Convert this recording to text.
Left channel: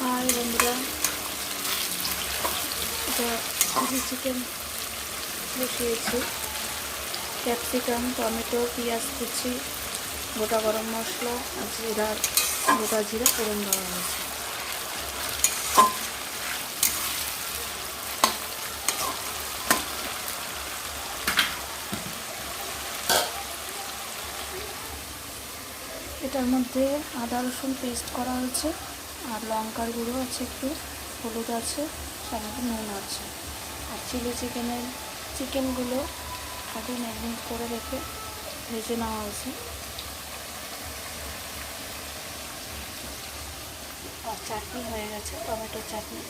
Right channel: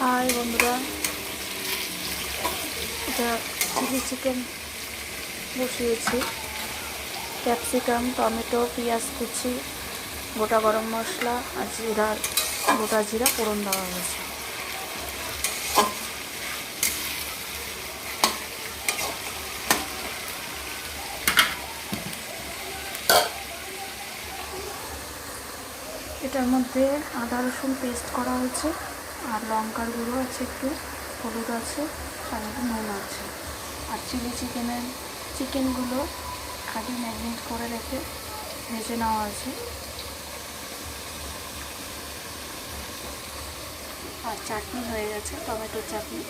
High বন্ধুরা, এটা chilli chicken বসিয়েছি। ক্যাপসিকাম, টমেটো, পেঁয়াজ কুচি, গোটা গরম মশলা আর গোটা জিরা ফোড়ন দেওয়া হয়েছে। এটার মধ্যে আদা রসুন পেস্ট করা হয়েছে, আর লঙ্কার গুঁড়ো আছে, একটু হলুদ আছে, সাথে নুন আছে। আর চিকেনগুলো আগে ম্যারিনেট করে রেখে ভেজে নেওয়া হয়েছে। আর চাটনি হয়ে গেছে, টমেটোর চাটনি।